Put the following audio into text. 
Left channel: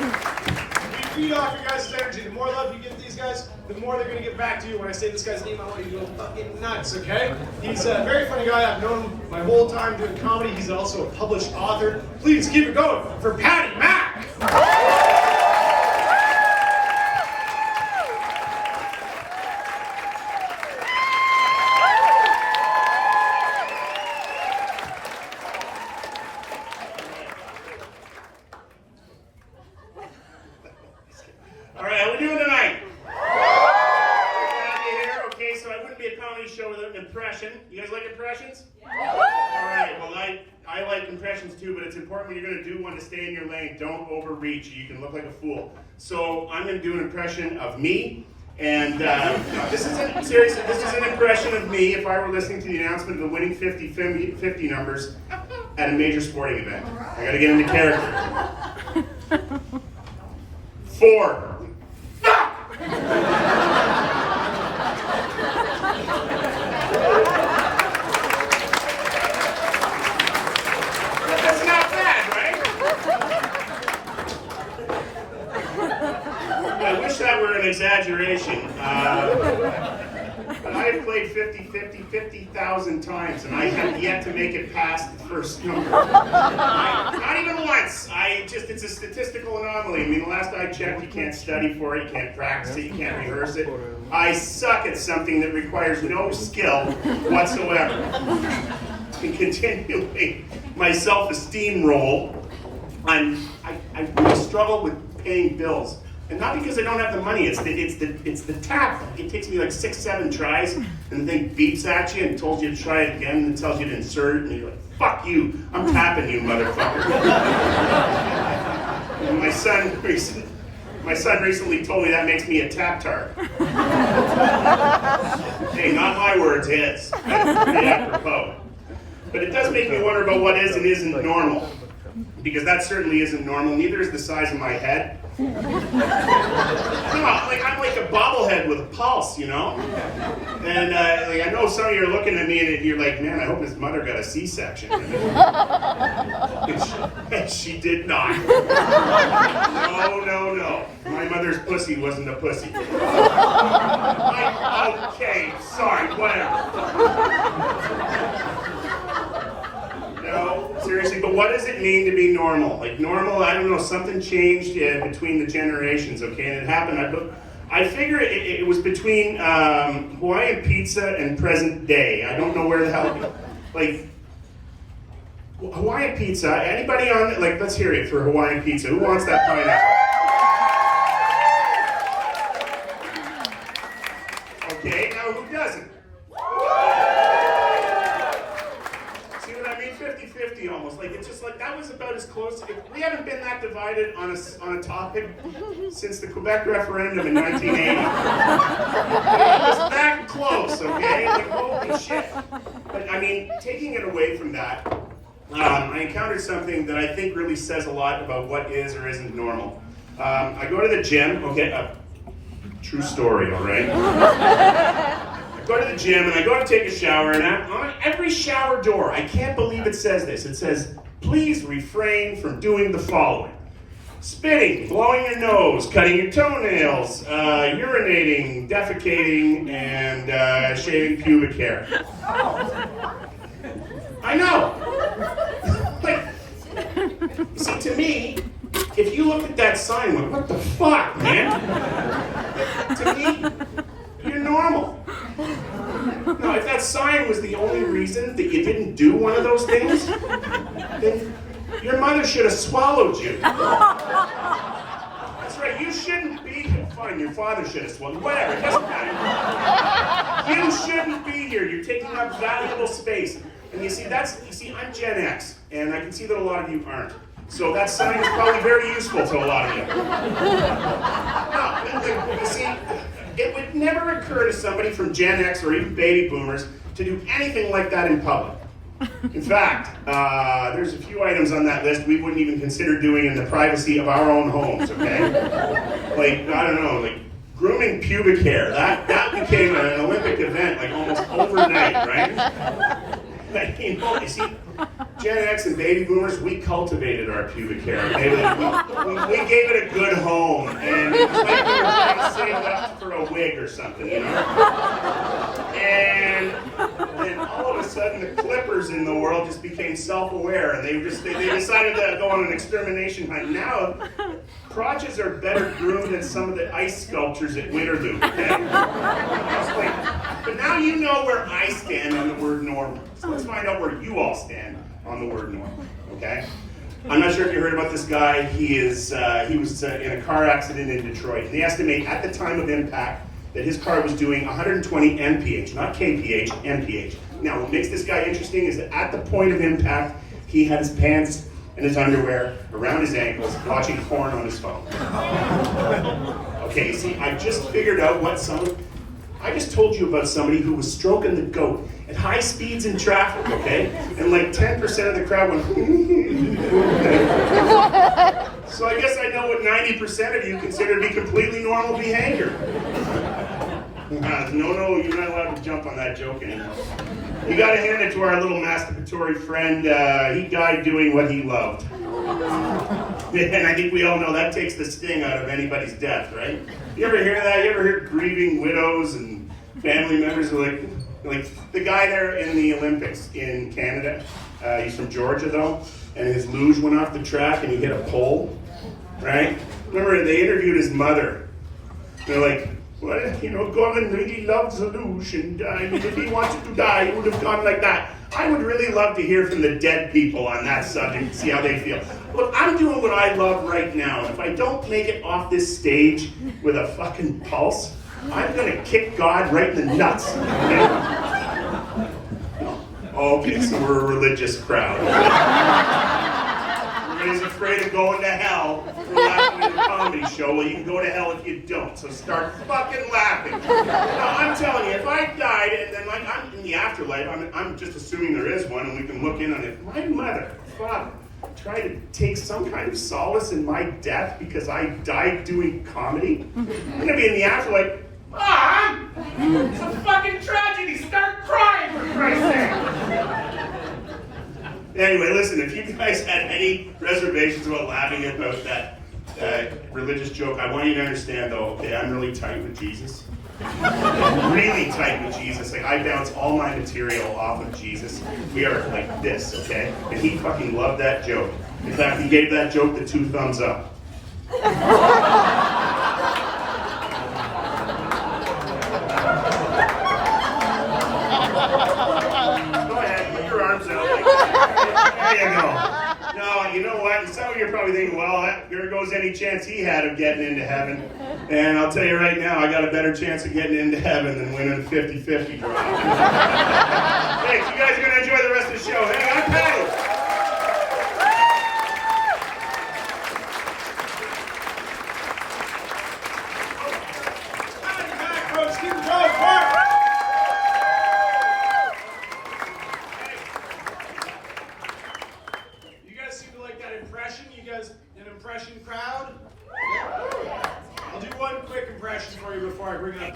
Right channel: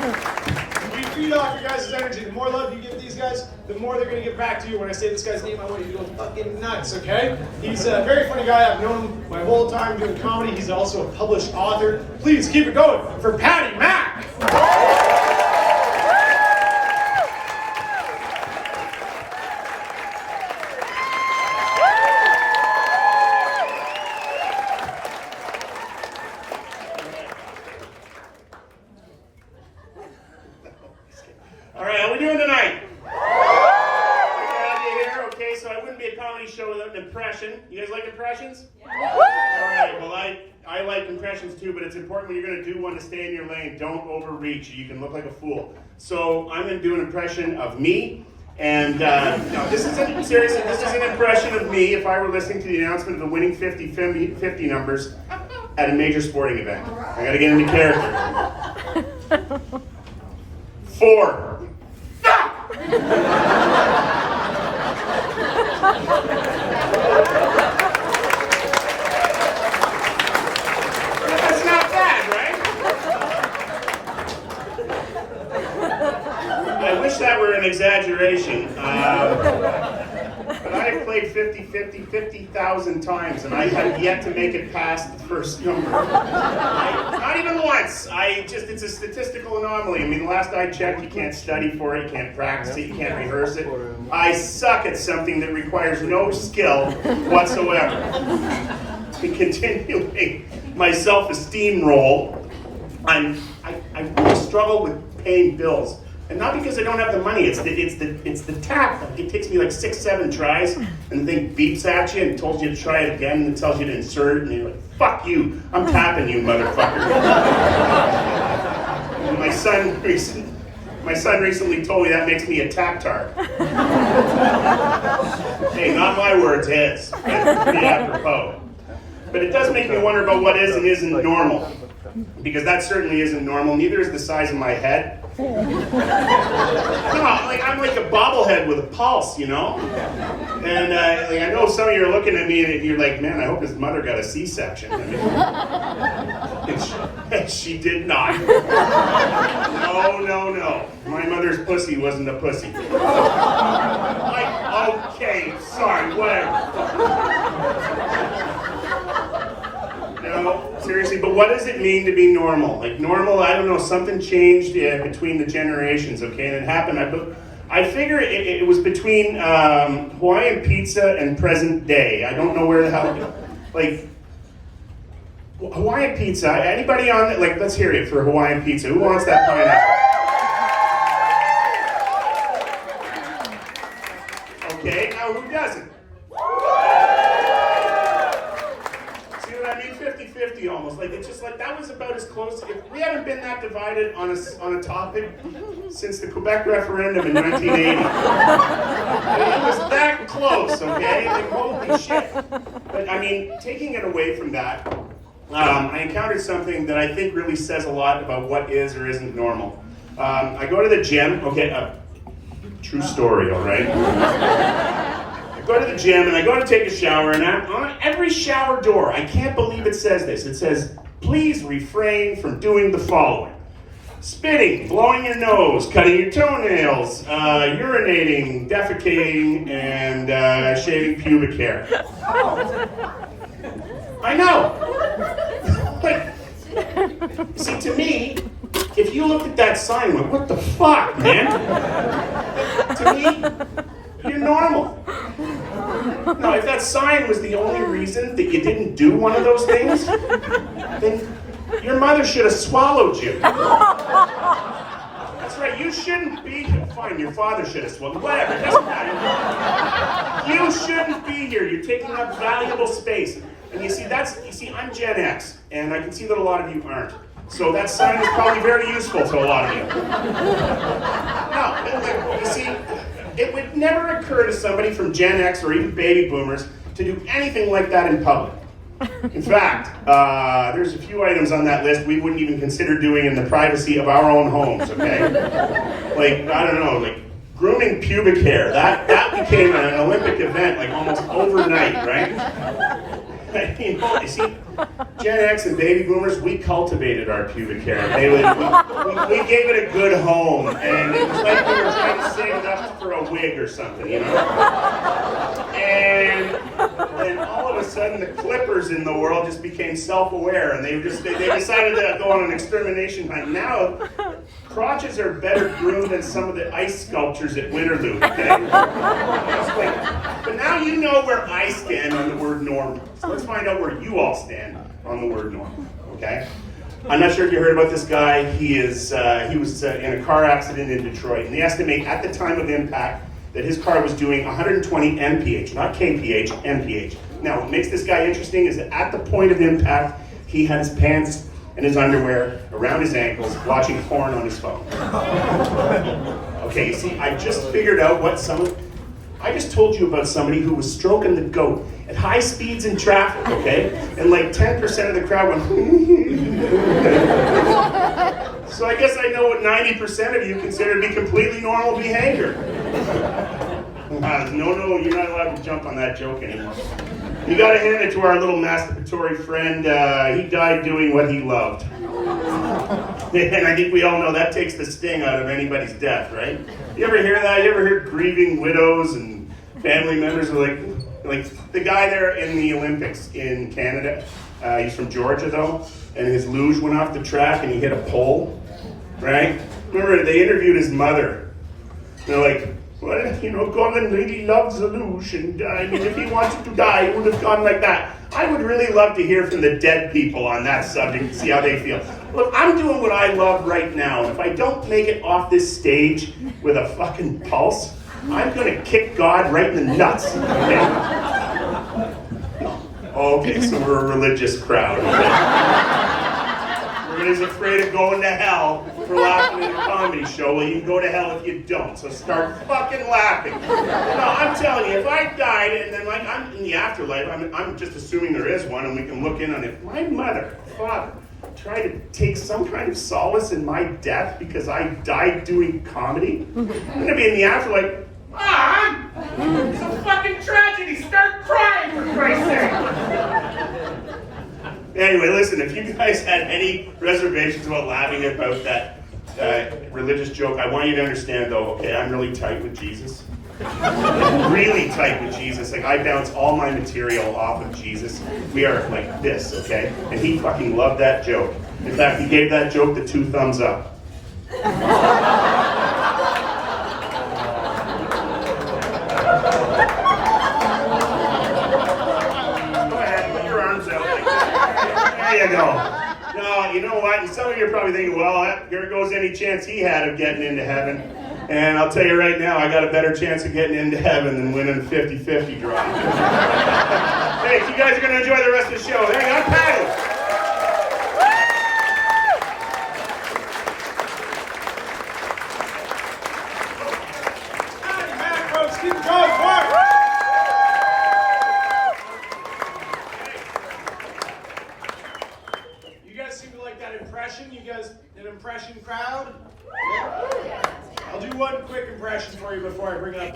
You feed off your guys' energy. The more love you give these guys, the more they're going to give back to you. When I say this guy's name, I want you to go fucking nuts, okay? He's a very funny guy. I've known him my whole time doing comedy. He's also a published author. Please keep it going for Paddy Mack. All right, how we doing tonight? Glad you're here. Okay, so I wouldn't be a comedy show without an impression. You guys like impressions? Yeah. All right, well, I like impressions too, but it's important when you're going to do one to stay in your lane. Don't overreach. You can look like a fool. So I'm going to do an impression of me. And no, this isn't, seriously, this is an impression of me if I were listening to the announcement of the winning 50 numbers at a major sporting event. I got to get into character. 4. That's not bad, right? I wish that were an exaggeration. But I have played 50-50 50,000 times, and I have yet to make it past the first number. Not even once. It's a statistical anomaly. I mean, the last I checked, you can't study for it, you can't practice it, you can't rehearse it. I suck at something that requires no skill whatsoever. And continuing my self-esteem role, I really struggle with paying bills. And not because I don't have the money, it's the tap. It takes me like 6-7 tries, and the thing beeps at you and tells you to try it again, and it tells you to insert it, and you're like, fuck you, I'm tapping you, motherfucker. And my son recently told me that makes me a tap-tart. Hey, not my words, his. That's pretty apropos. But it does make me wonder about what is and isn't normal. Because that certainly isn't normal, neither is the size of my head. No, I'm like a bobblehead with a pulse, you know? And I know some of you are looking at me and you're like, man, I hope his mother got a C-section. And she did not. No. My mother's pussy wasn't a pussy. Okay, sorry, whatever. No, seriously, but what does it mean to be normal? Like normal, I don't know, something changed between the generations, okay? And it happened, I figure it was between Hawaiian pizza and present day. I don't know where the hell, like, Hawaiian pizza, anybody on that, like, let's hear it for Hawaiian pizza. Who wants that pineapple? Okay, now who doesn't? 50-50 almost. Like, it's just like, that was about as close. We haven't been that divided on a topic since the Quebec referendum in 1980. It was that close, okay? Like, holy shit. But, I mean, taking it away from that, I encountered something that I think really says a lot about what is or isn't normal. I go to the gym, okay, true story, all right? Go to the gym and I go to take a shower, and on every shower door, I can't believe it says this. It says, please refrain from doing the following: spitting, blowing your nose, cutting your toenails, urinating, defecating, and shaving pubic hair. I know. Like, see, to me, if you looked at that sign, like, what the fuck, man? To me, you're normal. Now, if that sign was the only reason that you didn't do one of those things, then your mother should have swallowed you. That's right, you shouldn't be here. Fine, your father should have swallowed. Whatever, it doesn't matter. You shouldn't be here. You're taking up valuable space. And you see, I'm Gen X, and I can see that a lot of you aren't. So that sign is probably very useful to a lot of you. Now, you see, it would never occur to somebody from Gen X or even baby boomers to do anything like that in public. In fact, there's a few items on that list we wouldn't even consider doing in the privacy of our own homes, okay? Like, I don't know, like grooming pubic hair. That became an Olympic event, like almost overnight, right? You know, you see, Gen X and baby boomers, we cultivated our pubic hair. We gave it a good home, and it was like we were trying to save it up for a wig or something, you know? And all of a sudden, the clippers in the world just became self-aware, and they decided to go on an extermination hunt. Now, crotches are better groomed than some of the ice sculptures at Winterlude, okay? But now you know where I stand on the word normal. So let's find out where you all stand on the word normal, okay? I'm not sure if you heard about this guy. He was in a car accident in Detroit, and they estimate at the time of impact that his car was doing 120 mph, not kph, mph. Now, what makes this guy interesting is that at the point of impact, he had his pants and his underwear around his ankles, watching porn on his phone. Okay, you see, I just figured out I just told you about somebody who was stroking the goat at high speeds in traffic, okay? And like 10% of the crowd went, so I guess I know what 90% of you consider to be completely normal behavior. No, you're not allowed to jump on that joke anymore. You gotta hand it to our little masturbatory friend. He died doing what he loved. And I think we all know that takes the sting out of anybody's death, right? You ever hear that? You ever hear grieving widows and family members are like the guy there in the Olympics in Canada? He's from Georgia though, and his luge went off the track and he hit a pole, right? Remember, they interviewed his mother. They're like, well, you know, Colin really loves the luge, and I mean, if he wanted to die, he would have gone like that. I would really love to hear from the dead people on that subject, see how they feel. Look, I'm doing what I love right now, and if I don't make it off this stage with a fucking pulse, I'm gonna kick God right in the nuts, okay? No. Okay, so we're a religious crowd. Everybody's afraid of going to hell for laughing at a comedy show. Well, you can go to hell if you don't, so start fucking laughing. No, I'm telling you, if I died and then like I'm in the afterlife, I'm just assuming there is one and we can look in on it. My mother, father, try to take some kind of solace in my death because I died doing comedy. I'm gonna be in the afterlife. Mom! It's a fucking tragedy! Start crying, for Christ's sake! Anyway, listen, if you guys had any reservations about laughing about that religious joke, I want you to understand though, okay, I'm really tight with Jesus. Really tight with Jesus. Like, I bounce all my material off of Jesus. We are like this, okay? And he fucking loved that joke. In fact, he gave that joke the 2 thumbs up. Go ahead, put your arms out. There you go. No, you know what? And some of you are probably thinking, well, there goes any chance he had of getting into heaven. And I'll tell you right now, I got a better chance of getting into heaven than winning a 50-50 draw. Thanks. You guys are going to enjoy the rest of the show. Hey, I'm Paddy. Paddy Mack, folks, keep it going, Mark. You guys seem to like that impression? You guys, that impression crowd? I'll do one quick impression for you before I bring up